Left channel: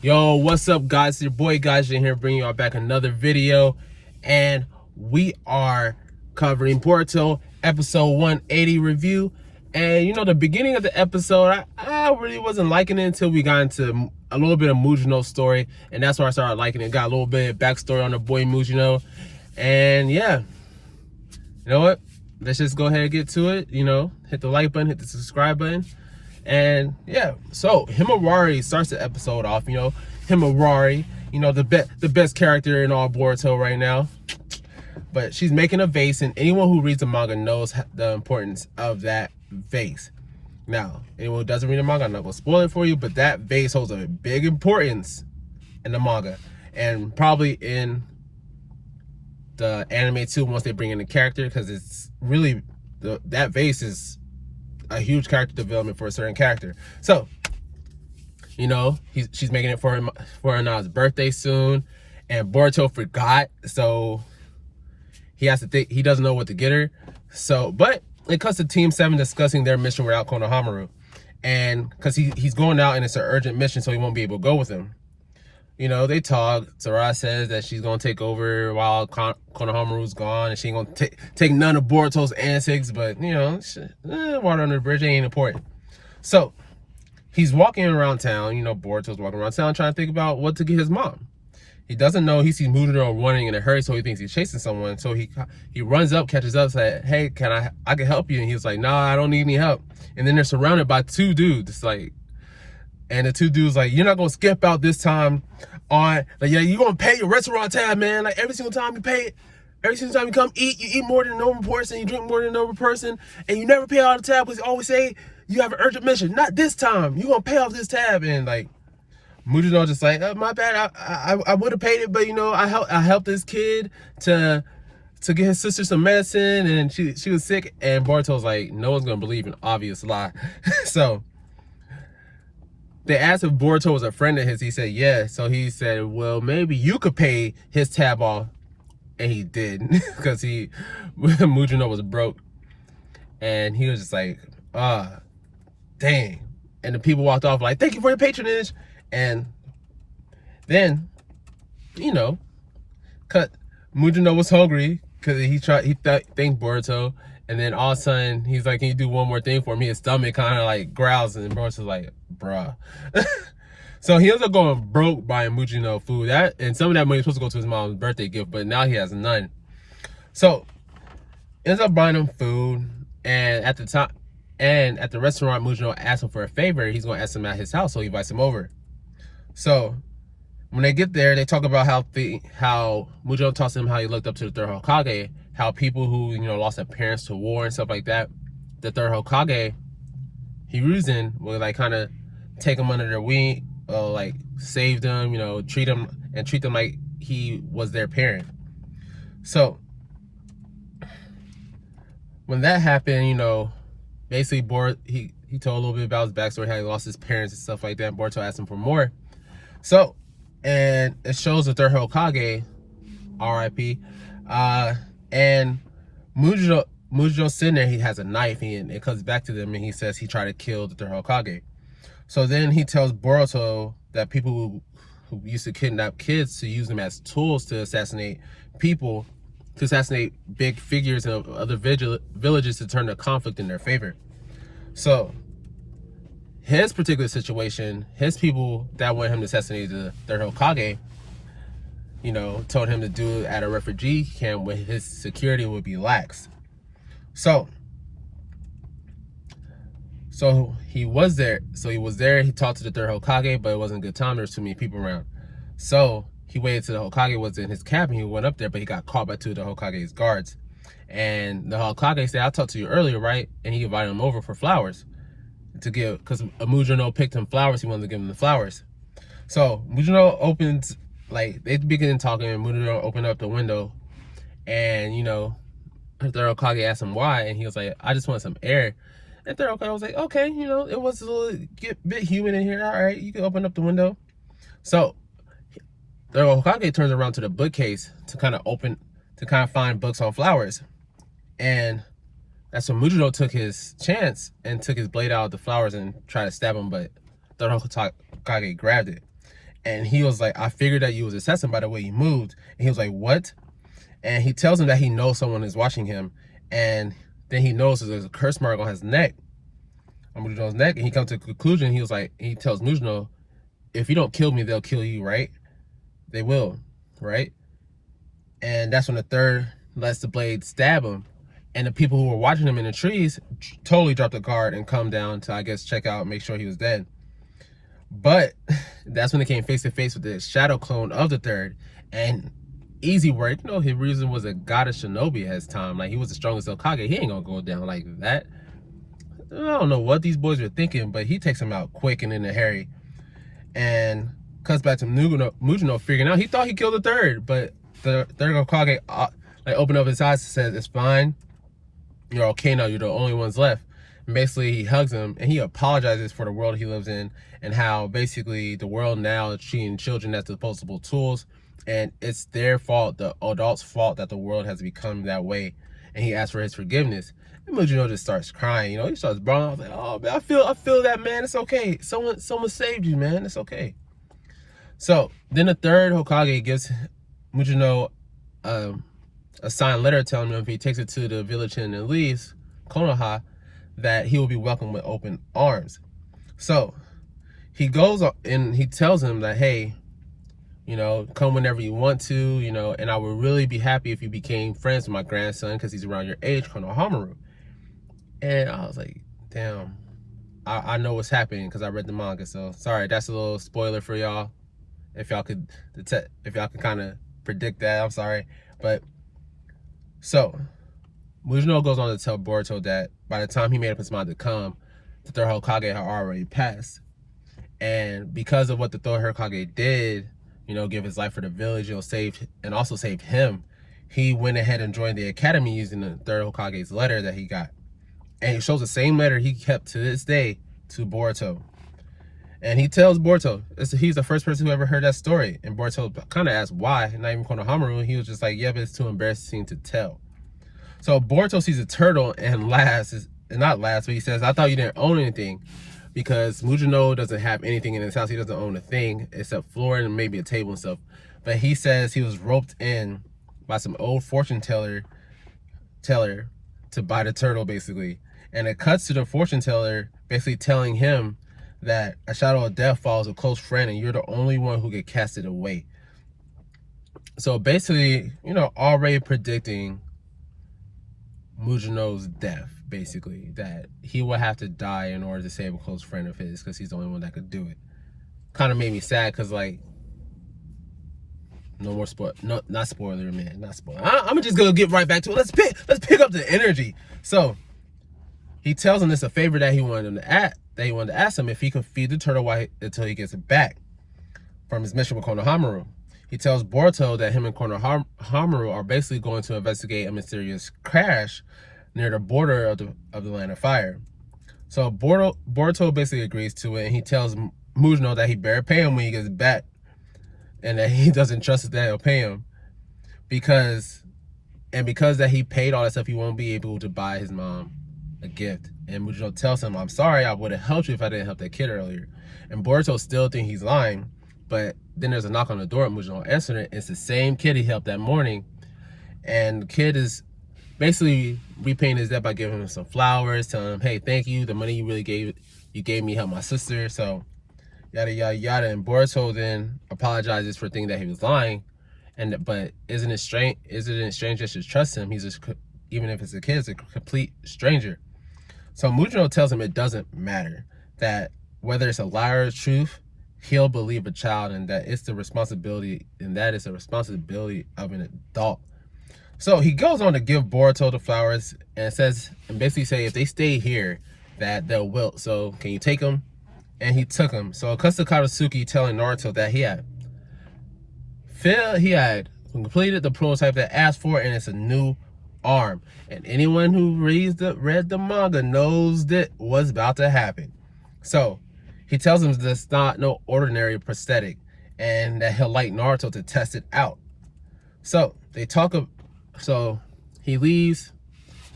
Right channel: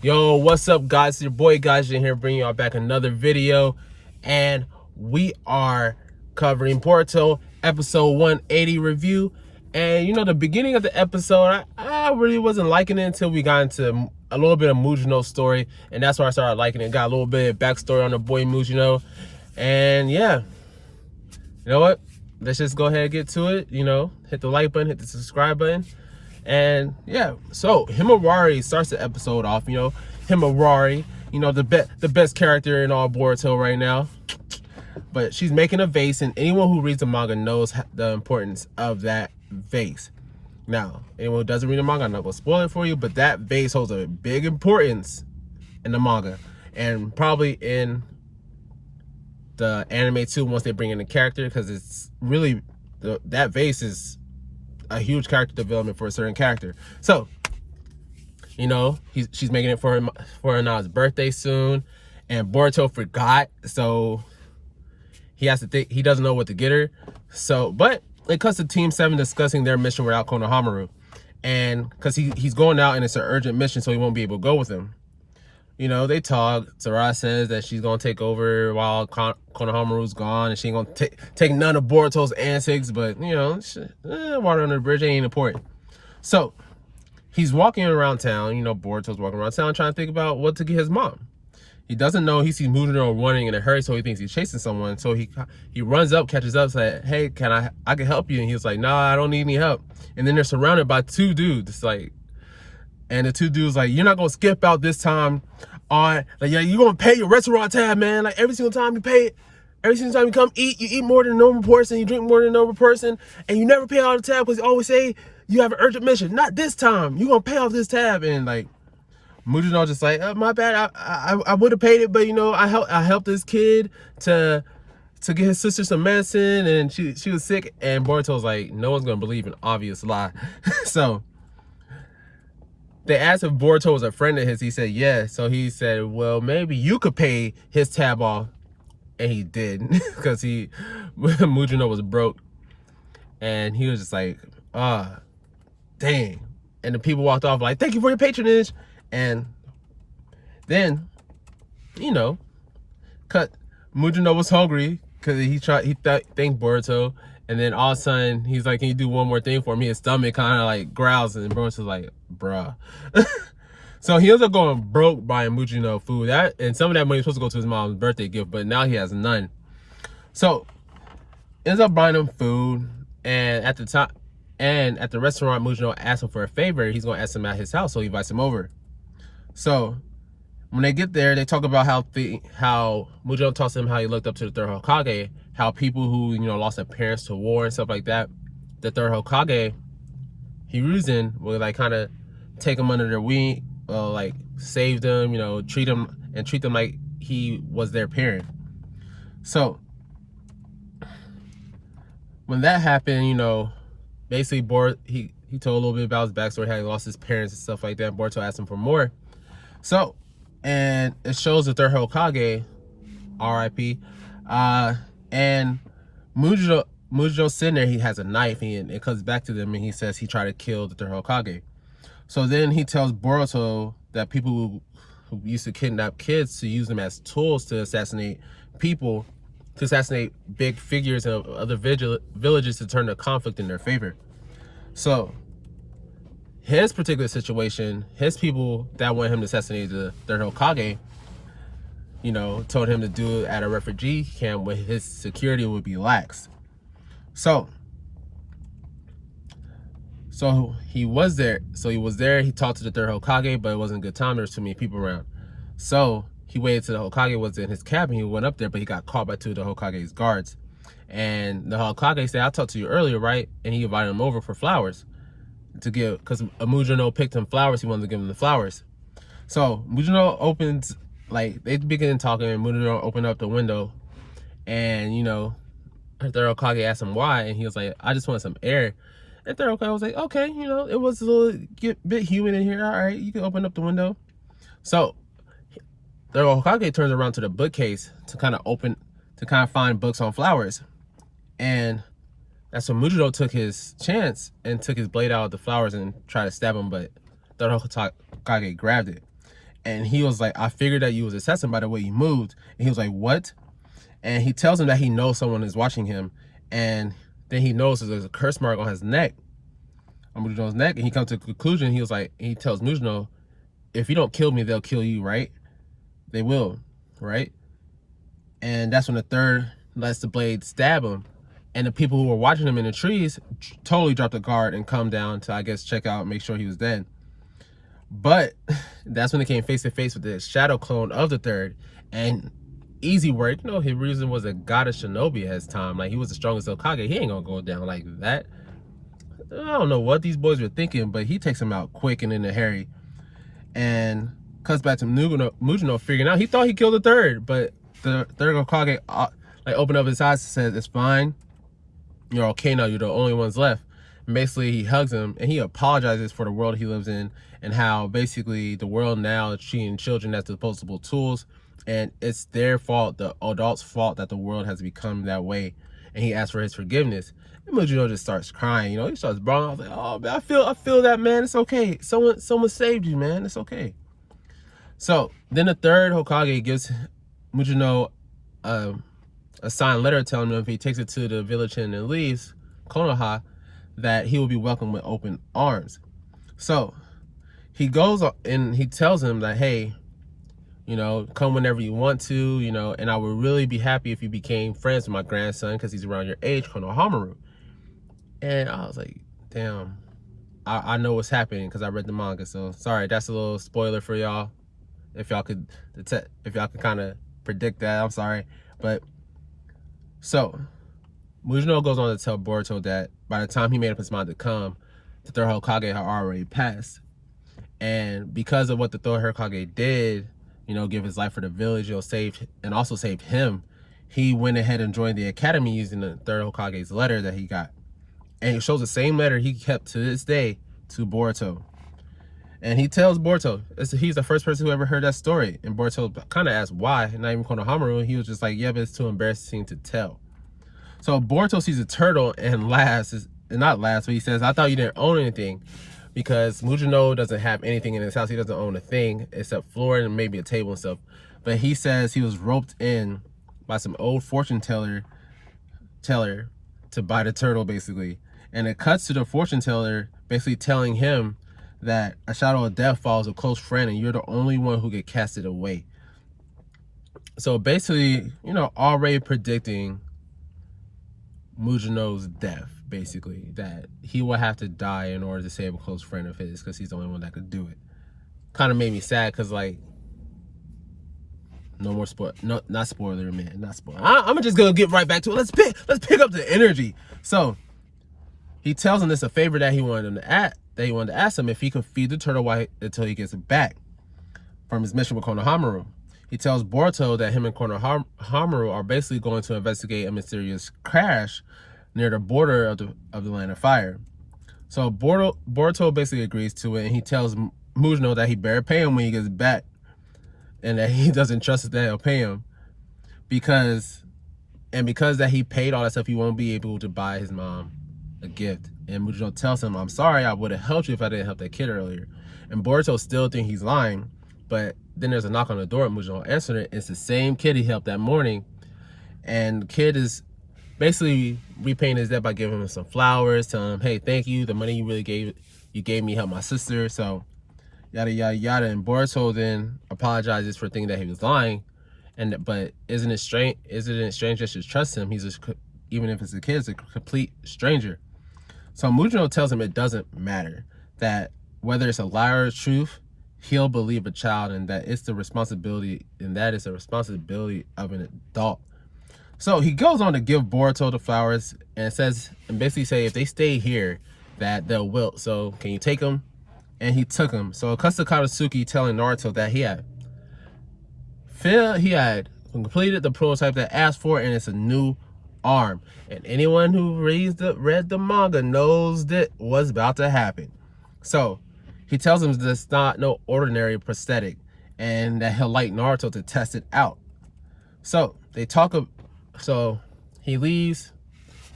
Yo, what's up, guys? It's your boy Gaijin here, bringing y'all back another video, and we are covering Boruto episode 180 review. And the beginning of the episode, I really wasn't liking it until we got into a little bit of Mugino's story, and that's where I started liking it. Got a little bit of backstory on the boy Mugino, and yeah, you know what? Let's just go ahead and get to it. Hit the like button, hit the subscribe button. And yeah, so Himawari starts the episode off. Himawari, the best character in all Boruto right now. But she's making a vase, and anyone who reads the manga knows the importance of that vase. Now, anyone who doesn't read the manga, I'm not gonna spoil it for you, but that vase holds a big importance in the manga, and probably in the anime too once they bring in the character, because it's really that vase is a huge character development for a certain character. So, she's making it for Nana's birthday soon, and Boruto forgot, so he has to think, he doesn't know what to get her. So, but it comes to Team 7 discussing their mission without Konohamaru, and because he's going out and it's an urgent mission, so he won't be able to go with him. They talk. Sarah says that she's gonna take over while Konohamaru's gone, and she ain't gonna take none of Boruto's antics. But water under the bridge ain't important. So he's walking around town. Boruto's walking around town trying to think about what to get his mom. He doesn't know. He sees Mujino running in a hurry, so he thinks he's chasing someone. So he runs up, catches up, says, "Hey, I can help you?" And he's like, "Nah, I don't need any help." And then they're surrounded by two dudes. And the two dudes you're not gonna skip out this time. All right, yeah, you're gonna pay your restaurant tab, man. Every single time you pay it, every single time you come eat, you eat more than a normal person, you drink more than a normal person, and you never pay out the tab because you always say you have an urgent mission. Not this time. You're gonna pay off this tab. And Mujino just my bad. I would have paid it, but I helped this kid to get his sister some medicine, and she was sick. And Boruto's like, no one's gonna believe an obvious lie. So they asked if Boruto was a friend of his. He said, yeah. So he said, well, maybe you could pay his tab off. And he did, because Mujino was broke. And he was just like, dang. And the people walked off thank you for your patronage. And then, Mujino was hungry because he thanked Boruto. And then all of a sudden, he's like, can you do one more thing for me? His stomach kind of growls, and Boruto's like, bruh. So he ends up going broke buying Mujino food. And some of that money was supposed to go to his mom's birthday gift, but now he has none. So ends up buying him food, and at the restaurant, Mujino asks him for a favor. He's gonna ask him at his house, so he invites him over. So when they get there, they talk about how Mujino tells him how he looked up to the third Hokage, how people who lost their parents to war and stuff like that, the third Hokage, Hiruzen, would kind of take him under their wing, save them, treat them like he was their parent. So when that happened, basically he told a little bit about his backstory, how he lost his parents and stuff like that. Boruto asked him for more. So, and it shows the third Hokage, R.I.P. And Mujino sitting there, he has a knife, and it comes back to them, and he says he tried to kill the third Hokage. So then he tells Boruto that people who used to kidnap kids to use them as tools to assassinate people, to assassinate big figures of other villages to turn the conflict in their favor. So his particular situation, his people that want him to assassinate the third Hokage, told him to do it at a refugee camp where his security would be lax. So he was there. He talked to the third Hokage, but it wasn't a good time. There was too many people around. So he waited till the Hokage was in his cabin. He went up there, but he got caught by two of the Hokage's guards. And the Hokage said, I talked to you earlier, right? And he invited him over for flowers to give, because Mujino picked him flowers. He wanted to give him the flowers. So Mujino opens, they begin talking, and Mujino opened up the window, and the third Hokage asked him why, and he was like, I just want some air. And third Hokage was like, okay, it was a little bit humid in here. All right, you can open up the window. So third Hokage turns around to the bookcase to kind of find books on flowers. And that's when Mujino took his chance and took his blade out of the flowers and tried to stab him, but third Hokage grabbed it. And he was like, I figured that you was assassin by the way you moved. And he was like, what? And he tells him that he knows someone is watching him. And then he notices there's a curse mark on his neck, on Mugino's neck. And he comes to a conclusion. He was like, he tells Mugino, if you don't kill me, they'll kill you, right? They will, right? And that's when the third lets the blade stab him. And the people who were watching him in the trees totally dropped the guard and come down to, I guess, check out, make sure he was dead. But that's when they came face to face with the shadow clone of the third. And easy work, you know, his reason was a goddess shinobi at his time. Like, he was the strongest Hokage. He ain't gonna go down like that. I don't know what these boys were thinking, but he takes him out quick and in a hurry. And cuts back to Mugino figuring out he thought he killed the third, but the third Hokage like opened up his eyes and says, it's fine. You're okay now. You're the only ones left. And basically, he hugs him and he apologizes for the world he lives in and how basically the world now is treating children as disposable tools. And it's their fault, the adults' fault, that the world has become that way. And he asks for his forgiveness. And Mugino just starts crying. You know, he starts bawling. I was like, oh, man, I feel that, man. It's okay. Someone saved you, man. It's okay. So then the third Hokage gives Mugino a signed letter telling him if he takes it to the village and leaves Konoha, that he will be welcomed with open arms. So he goes and he tells him that, hey, you know, come whenever you want to, you know, and I would really be happy if you became friends with my grandson because he's around your age, Konohamaru. And I was like, damn, I know what's happening because I read the manga. So sorry, that's a little spoiler for y'all. If y'all could kind of predict that, I'm sorry. But so Mugino goes on to tell Boruto that by the time he made up his mind to come, the third Hokage had already passed. And because of what the third Hokage did, you know, give his life for the village, you know, saved him, he went ahead and joined the academy using the third Hokage's letter that he got. And it shows the same letter he kept to this day to Boruto. And he tells Boruto, he's the first person who ever heard that story. And Boruto kind of asked why, not even Konohamaru. He was just like, yeah, but it's too embarrassing to tell. So Boruto sees a turtle and laughs, not laughs, but he says, I thought you didn't own anything. Because Mugino doesn't have anything in his house. He doesn't own a thing except floor and maybe a table and stuff. But he says he was roped in by some old fortune teller to buy the turtle, basically. And it cuts to the fortune teller basically telling him that a shadow of death follows a close friend and you're the only one who get casted away. So basically, you know, already predicting Mugino's death, basically, that he will have to die in order to save a close friend of his because he's the only one that could do it. Kind of made me sad because, like, no more not spoiler, man, not spoiler. I'm just gonna get right back to it. Let's pick up the energy. So he tells him this a favor that he wanted to ask him if he could feed the turtle until he gets it back from his mission with Konohamaru. He tells Boruto that him and Konohamaru are basically going to investigate a mysterious crash near the border of the Land of Fire. So Boruto basically agrees to it, and he tells Mugino that he better pay him when he gets back, and that he doesn't trust that he'll pay him because that he paid all that stuff, he won't be able to buy his mom a gift. And Mugino tells him, I'm sorry, I would have helped you if I didn't help that kid earlier. And Boruto still thinks he's lying, but then there's a knock on the door. Mugino answered it. It's the same kid he helped that morning, and the kid is basically repaying his debt by giving him some flowers, telling him, hey, thank you, the money you gave me helped my sister, so yada yada yada. And Boruto then apologizes for thinking that he was lying, but isn't it strange just to trust him? He's just, even if it's a kid, it's a complete stranger. So Mugino tells him it doesn't matter, that whether it's a lie or a truth, he'll believe a child, and that is the responsibility of an adult. So he goes on to give Boruto the flowers and basically say if they stay here that they'll wilt. So can you take them? And he took them. So it cuts to Katsuki telling Naruto that he had completed the prototype that asked for, and it's a new arm. And anyone who read the manga knows that what's about to happen. So he tells him that's not no ordinary prosthetic, and that he'll like Naruto to test it out. So so he leaves,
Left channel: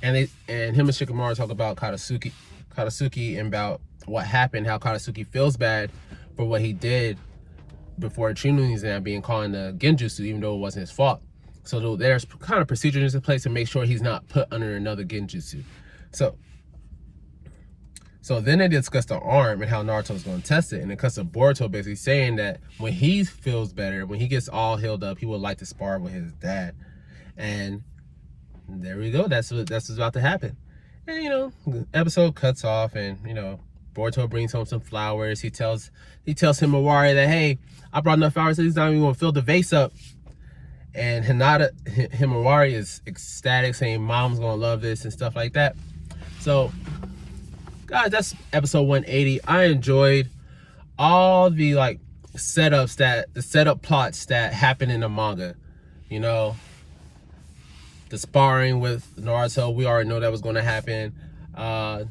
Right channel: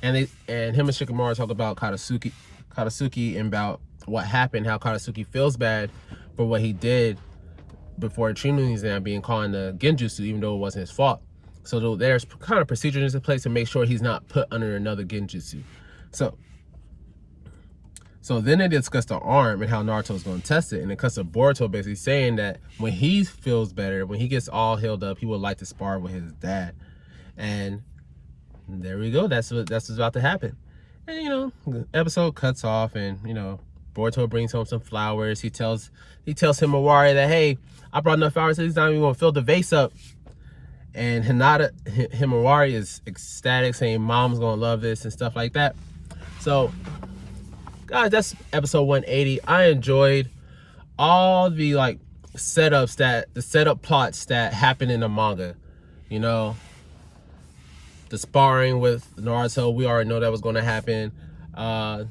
and him and Shikamaru talk about Katsuki and about what happened, how Katsuki feels bad for what he did before Chinu's exam being called in the genjutsu, even though it wasn't his fault. So there's kind of procedures in place to make sure he's not put under another genjutsu. So then they discussed the arm and how Naruto's going to test it. And it cuts to Boruto basically saying that when he feels better, when he gets all healed up, he would like to spar with his dad. And there we go. That's what's about to happen. And, you know, the episode cuts off and, you know, Boruto brings home some flowers. He tells Himawari that, hey, I brought enough flowers so he's not even going to fill the vase up. And Himawari is ecstatic, saying mom's going to love this and stuff like that. So, guys, that's episode 180. I enjoyed all the like the setup plots that happen in the manga. You know, the sparring with Naruto, we already know that was going to happen. The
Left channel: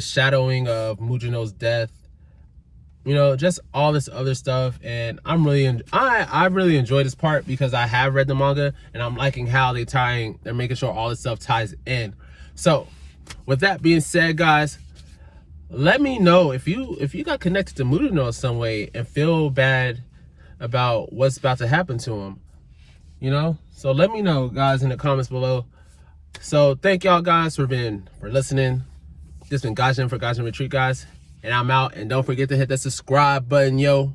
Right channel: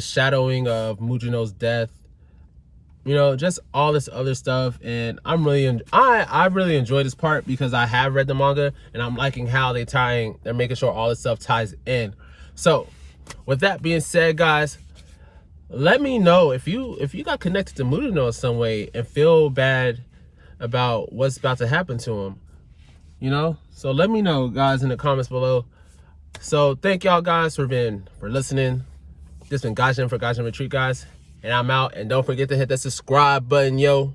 shadowing of Mugino's death. You know, just all this other stuff, and I really enjoyed this part because I have read the manga and I'm liking how they're making sure all this stuff ties in. So, with that being said, guys, let me know if you got connected to Mugino in some way and feel bad about what's about to happen to him. You know, so let me know, guys, in the comments below. So thank y'all guys for listening. This has been Gaijin for Gaijin Retreat, guys. And I'm out. And don't forget to hit that subscribe button, yo.